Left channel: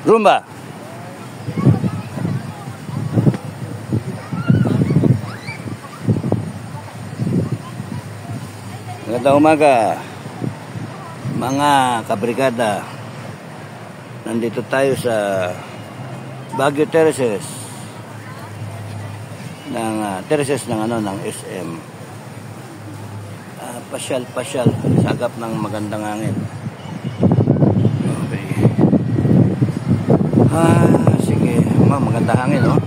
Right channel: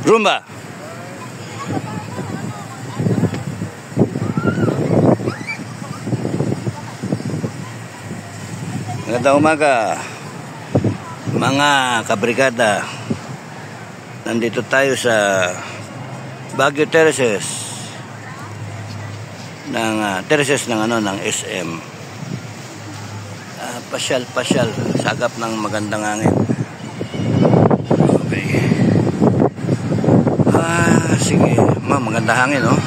Rumba. Magandang umaga, mga kabrigada. Nandito tayo sa Baguio Terraces ng SM. Pasyal sagap ng magandang hangin. Okay. Sige, maganda hangin, no?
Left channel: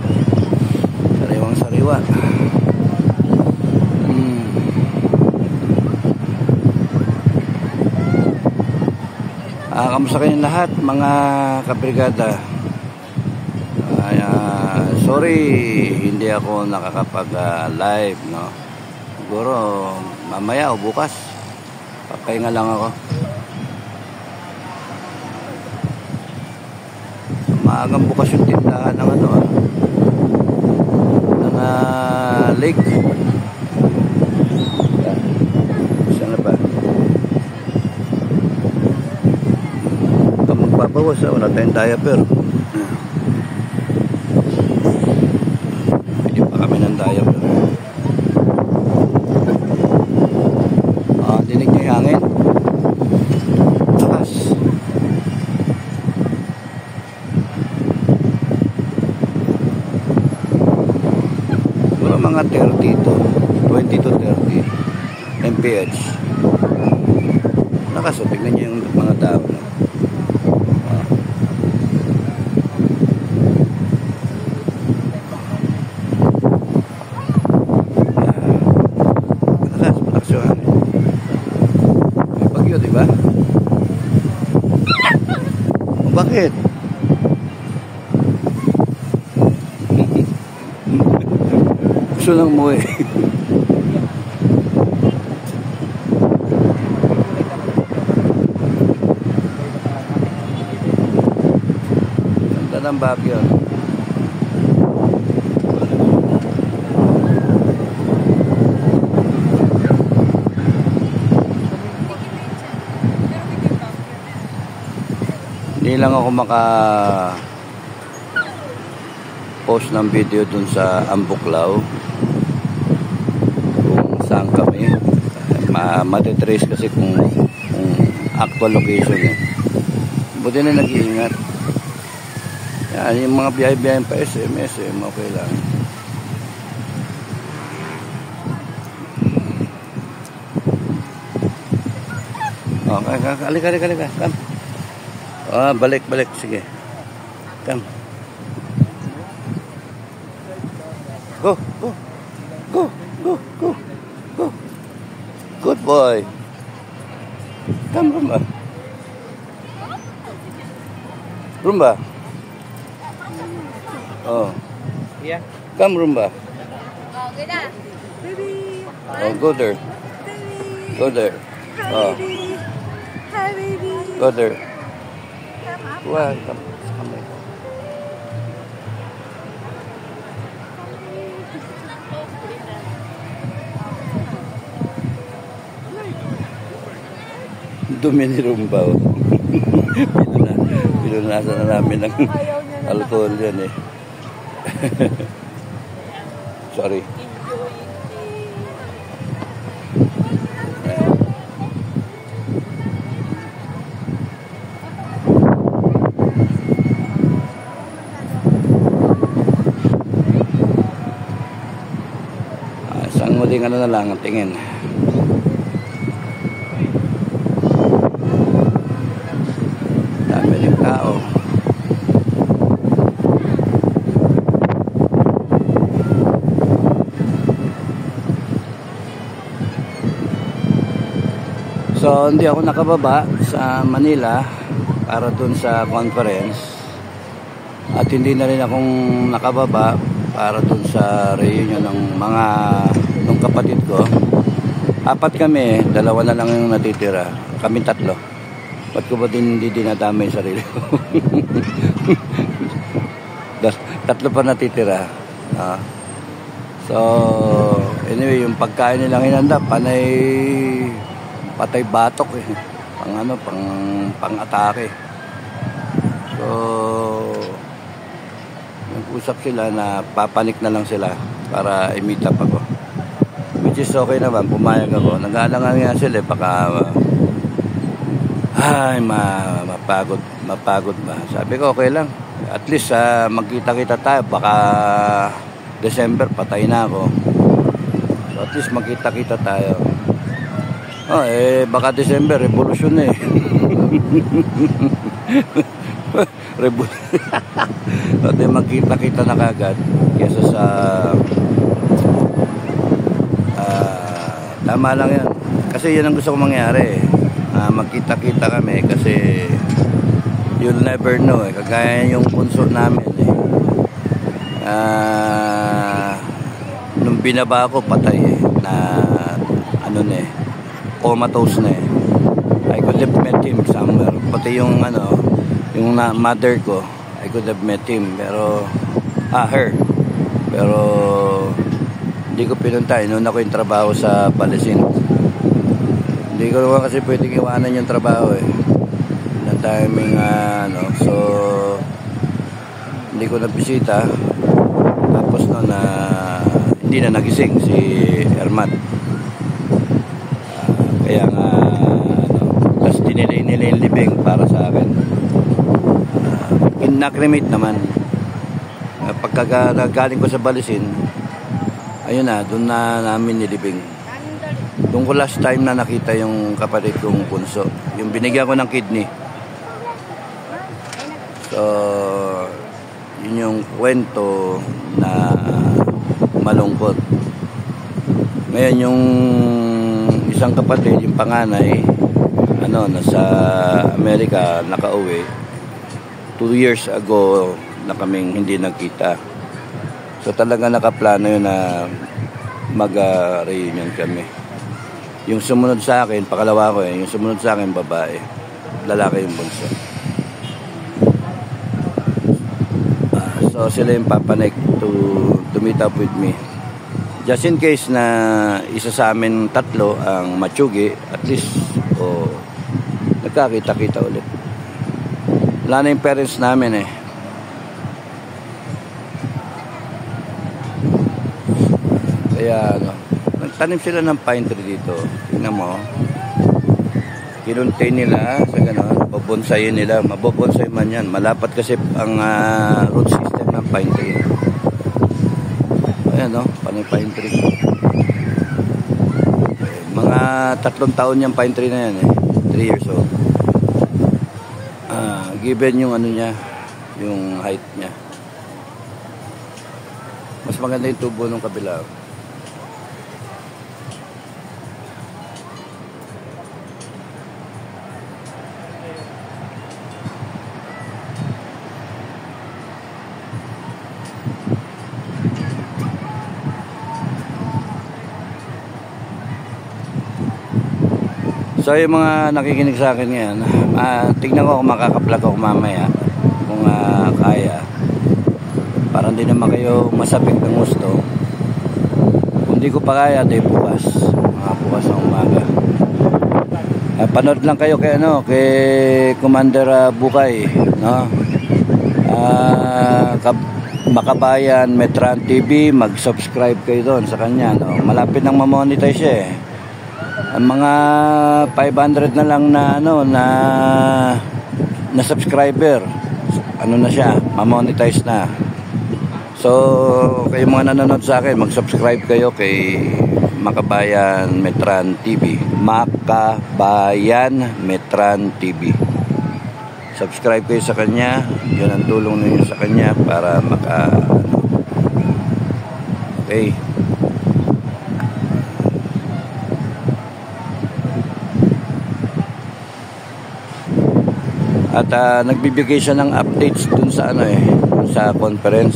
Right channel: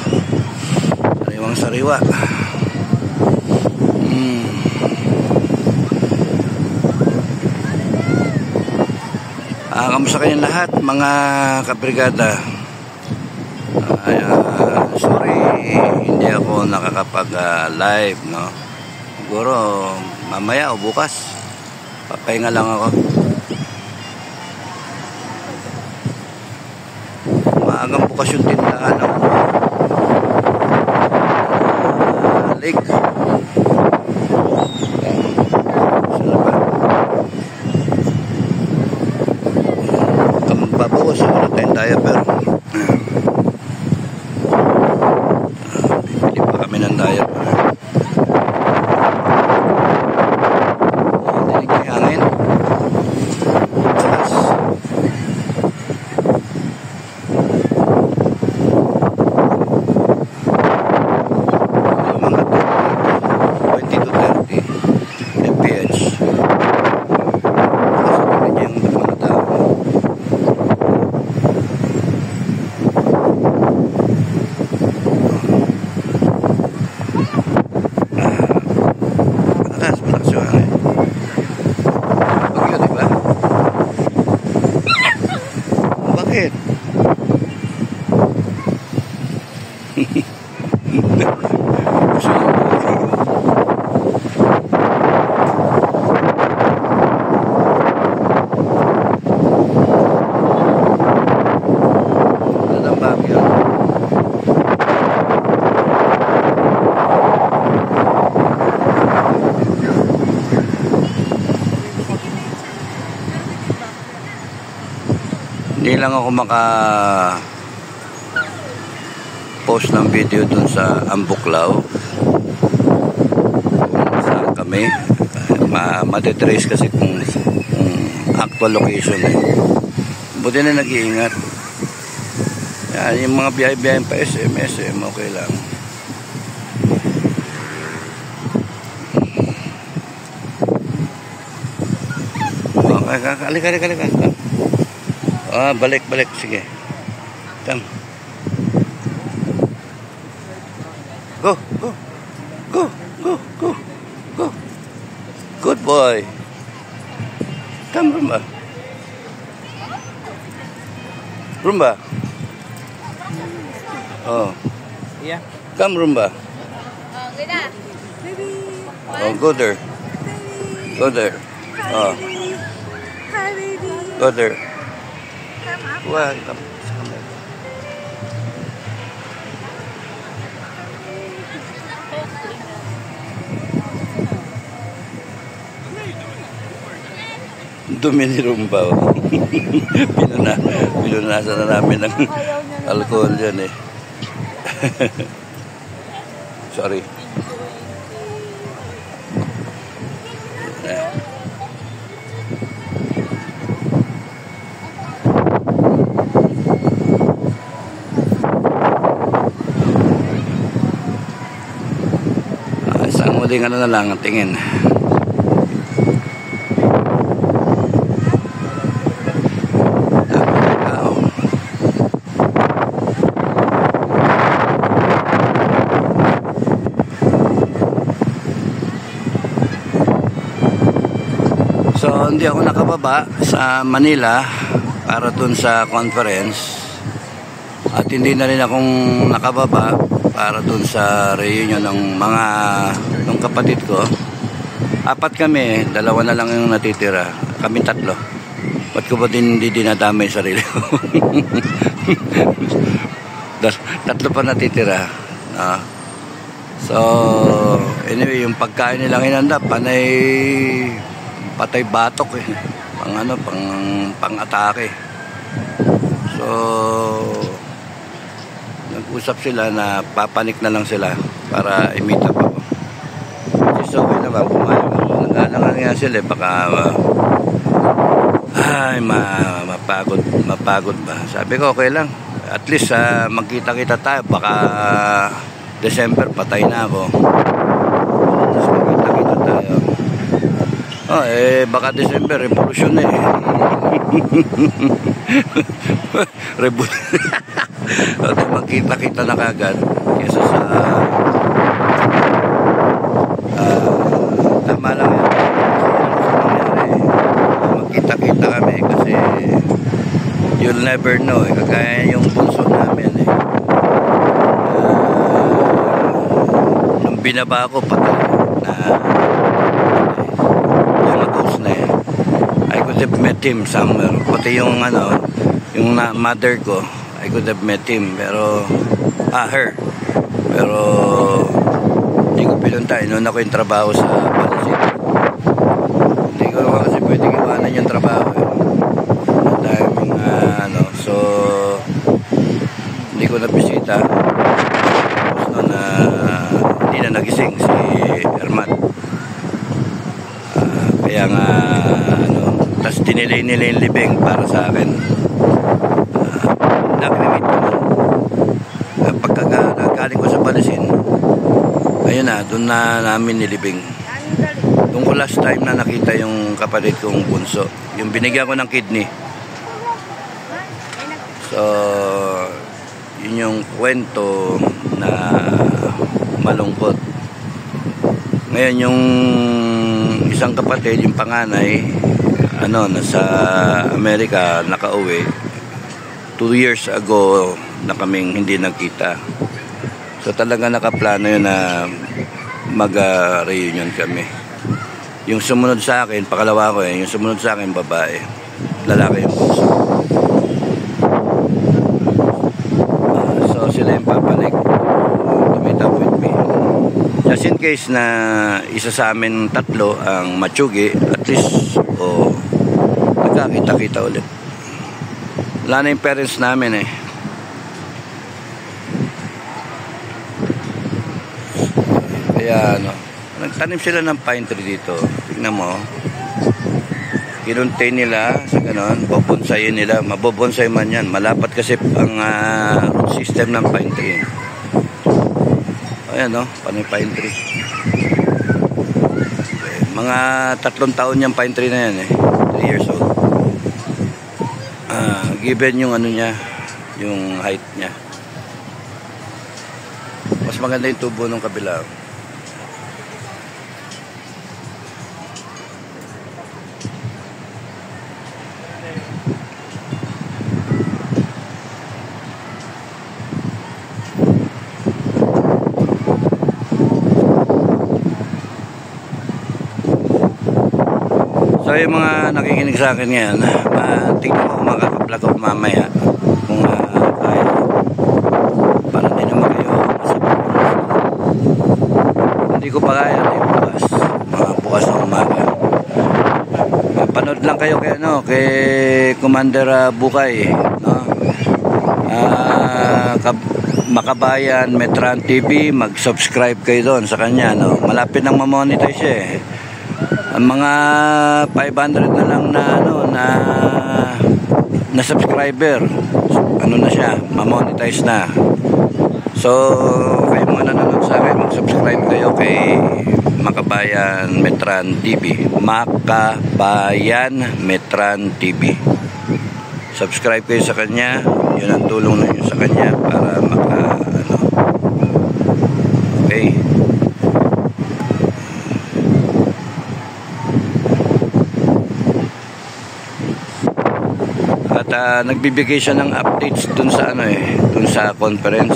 Sariwang sariwa. Kamusta kayong lahat, mga kabrigada? Sorry, hindi ako nakakapag-live, no? Siguro mamaya o bukas papahinga lang ako. Maagang bukas yung tindahan ng lake. Saan na ba? Magbabawas, wala tayong diaper. Bibili pa kami ng diaper. Dinig niyo yung hangin. Takas. Mga 20 to 30 mph. Takas, tignan niyo yung mga tao. Bagyo, diba? Bakit? Gusto na umuwi. Wala ng bagyo. Hindi lang ako post ng video dun sa Ambuklaw kung saan kami. Matitrace kasi kung actual location buti na nag-iingat. Yan, yung mga biyahe-biyahe pa SM okay lang. Halika. Balik. Sige. Come. Go. Good boy. Come, Rumba. Oh. Yeah. Come, Rumba. Oh, go there. Oh. Go there. Welcome. Dumi ni Rumba. Pinunasan na namin ng alcohol dyan Sorry. Isang muling na lang ang tingin. Dami ng tao. So hindi ako nakababa sa Manila para dun sa conference, at hindi na rin akong nakababa para dun sa reunion ng ng kapatid ko. 4 kami, 2 na lang yung natitira. Kami 3. Ba't ko ba hindi dinadamay yung sarili ko? 3 pa natitira. So anyway, yung pagkain nilang hinanda patay batok pang atake. So nag-usap sila na papanik na lang sila para i-meet up ako. Which is okay naman, pumayag ako. Nag-aalangan nga sila baka mapagod ba. Sabi ko okay lang, at least magkita-kita tayo. Baka December patay na ako, at least magkita-kita tayo. Baka December revolution revolution. Magkita-kita na kagad kesa sa tama lang yan, kasi yun ang gusto kong mangyari. Magkita-kita kami kasi you'll never know kagaya yung bunso namin nung binaba ko patay na comatose na I could have met him somewhere, pati yung yung mother ko, I could have met him, pero her, pero hindi ko pinunta. Noon ako yung trabaho sa Palasin. Hindi ko naman kasi pwedeng iwanan yung trabaho ang timing so hindi ko nabisita. Tapos noon hindi na nagising si Ermat, kaya nga tas dinilay nila yung libing para sa akin. Inakremate naman pagkagaling ko sa Palasin. Ayun doon na namin nilibing. Doon ko last time na nakita yung kapatid kong bunso, yung binigyan ko ng kidney. So yun yung kwento na malungkot. Ngayon yung isang kapatid, yung panganay, nasa Amerika, nakauwi 2 years ago na kaming hindi nagkita. So talaga nakaplano yun na mag-reunion kami. Yung sumunod sa akin, pakalawa ko yung sumunod sa akin babae, lalaki yung puso. So sila yung papanik to meet up with me. Just in case na isa sa amin tatlo ang matsugi, at least nagkakita-kita ulit. Wala na yung parents namin Kaya nagtanim sila ng pine tree dito. Tingnan mo. Kinuntay nila sa ganon, babonsayin nila. Mabobonsay man yan. Malapat kasi ang root system ng pine tree. Ayan pine tree. Mga 3 taon yung pine tree na yan 3 years old. Given yung niya, yung height niya. Mas maganda yung tubo ng kabila. So yung mga nakikinig sa akin ngayon, tingnan ko kung makaka-vlog ako mamaya kung kaya, para din naman kayo masabik ng gusto. Hindi ko pa kaya bukas, bukas ng umaga. Panood lang kayo kay Commander Bukay, Makabayan Metran TV, mag-subscribe kayo doon sa kanya, malapit nang ma-monetize siya Ang mga 500 na lang na subscriber, na siya, ma-monetize na. So kayo mga nanonood sa akin, mag-subscribe kayo kay Makabayan Metran TV. Makabayan Metran TV. Subscribe kayo sa kanya. Yun ang tulong ninyo sa kanya para okay. At nagbibigay siya ng updates dun sa dun sa conference.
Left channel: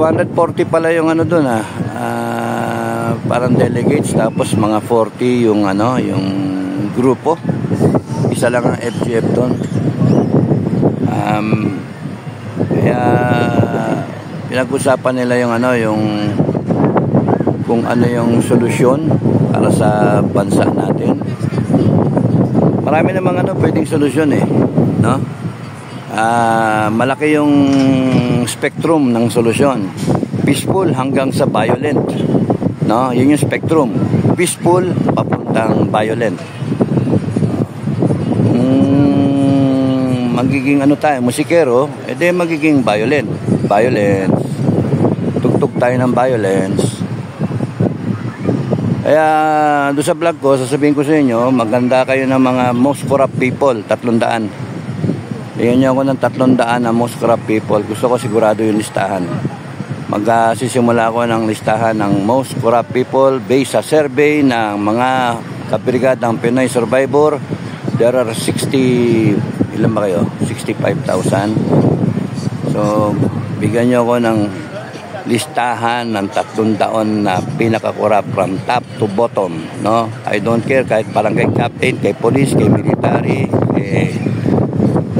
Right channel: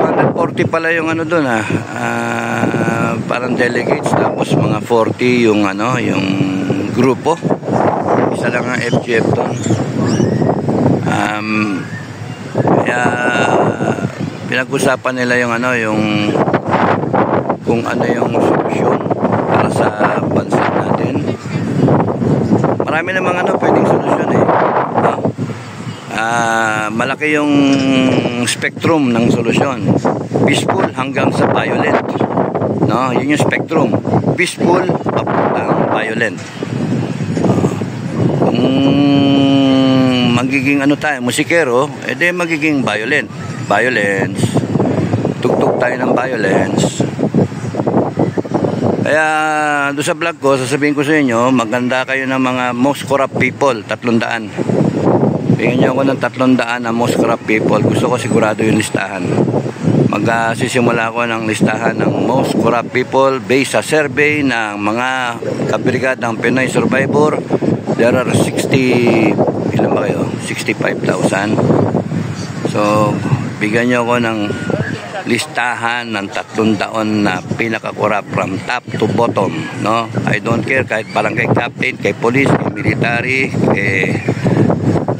240 pala yung dun parang delegates, tapos mga 40 yung yung grupo. Isa lang ang FGF doon. Kaya pinag-usapan nila yung yung kung yung solusyon para sa bansa natin. Marami namang pwedeng solusyon malaki yung spectrum ng solusyon. Peaceful hanggang sa violent. No, yun yung spectrum. Peaceful papuntang violent. Kung magiging ano tayo, musikero, edi magiging violent. Violence. Tugtog tayo ng violence. Kaya doon sa vlog ko, sasabihin ko sa inyo, maganda kayo ng mga most corrupt people, 300. Tingnan niyo ako ng 300 na most corrupt people. Gusto ko sigurado yung listahan. Magsisimula ako ng listahan ng most corrupt people based sa survey ng mga kabrigad ng Pinoy Survivor. There are 60, ilan ba kayo? 65,000. So, bigyan niyo ako ng listahan ng 300 na pinaka-corrupt from top to bottom, no? I don't care kahit barangay captain, kay police, kay military,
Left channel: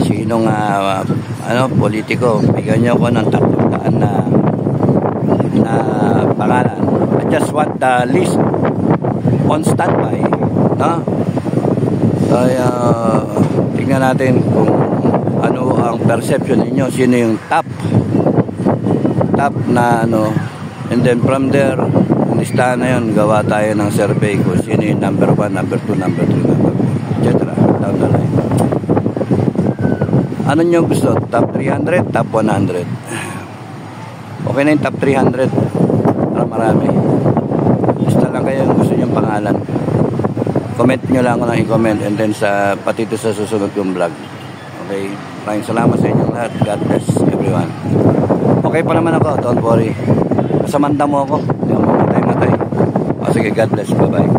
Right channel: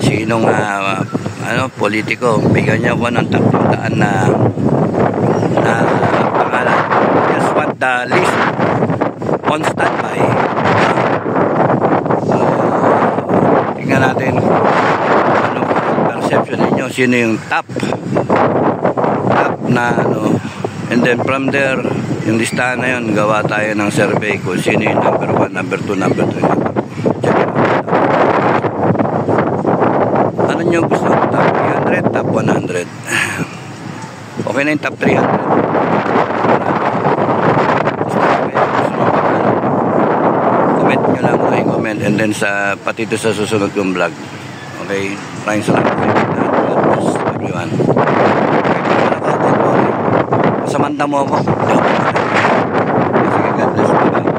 sinong politiko, bigyan niyo ako ng 300 na pangalan. Just want the list on standby, no? Kaya tingnan natin kung ano ang perception ninyo, sino yung top na and then from there, yung listahan na yun, gawa tayo ng survey kung sino yung number 1, number 2, number 3, number 4. Ano nyo gusto? Top 300, top 100? Okay na yung top 300. Marami. Basta na kaya gusto nyo pangalan. Comment nyo lang mga comment, and then pati ito sa susunod kong vlog. Okay? Maraming salamat sa inyo lahat. God bless everyone. Okay pa naman ako, don't worry. Samanta mo ako. Sige, God bless. Bye-bye.